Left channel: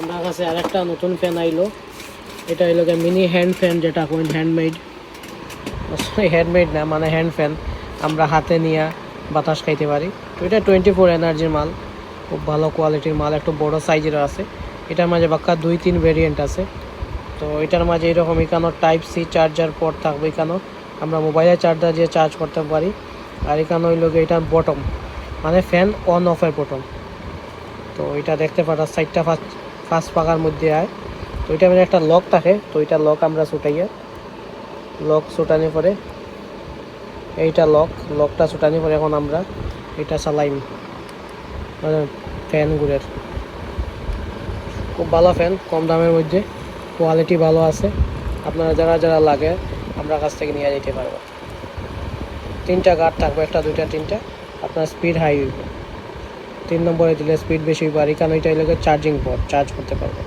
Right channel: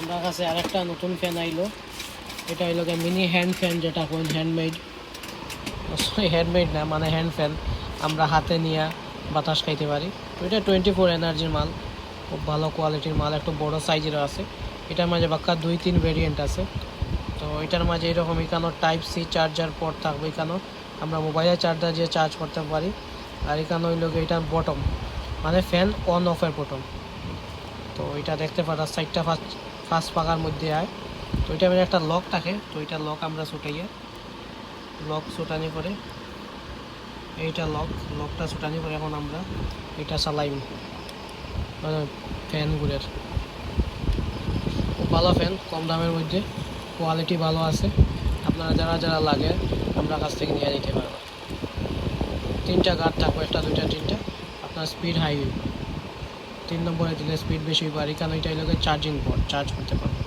আমার কাছে আরেকটা নতুন ফ্যান আইলো। এটা হইলো মিনি হ্যান্ড ফ্যান, যেটা কোন হ্যান্ডমেড, হ্যান্ডমেড না মানে হ্যান্ড ফ্যান, আমরা হাতে নিয়ে বাতাস খাইতে পারি। তো এটা 24 এনার্জির মাল, খুব ভালো কোয়ালিটির মাল, একটু বড় সাইজের আছে। এটার মাঝে বাক্কা 2-3 ভেরিয়েন্ট আছে। তো এটার মাঝে এরকম এখানে টাইপ সি চার্জার পোর্ট থাকবে, এখানেও আমরা মোবাইলের চার্জার দিয়ে চার্জ করতে পারি। আর এখানে হইল এটা বটম মানে ফ্যান অন অফের বটম। তো এটা দেখতে পারা সাইডটা ফার্স্ট পাকার মধ্যে আয়। তো এটা মানে একটা লক থাকে, তো এটা লক আমরা ছুটাইয়া, লক ছুটানোর পরে এইটা লকটা ছুটানোর পরে এখন আমরা এটা চালাইম, মানে ফ্যান ঘুরের। খুব ভালো ফ্যান, কম দামের মধ্যে, কোয়ালিটি ভালো আছে। আপনারা যারা যারা লাগে আমরা কাছ থেকে নিয়ে যেতে পারবো। 3টা গার্ড থাকবে, 1টা 2টা 3টা। আপনার স্পিড হাই হইব, 3 নম্বরে দিলে স্পিড বেশি হইব। আর এখানে এটা লাগে চার্জিং পোর্ট, চার্জ করতে পারবেন।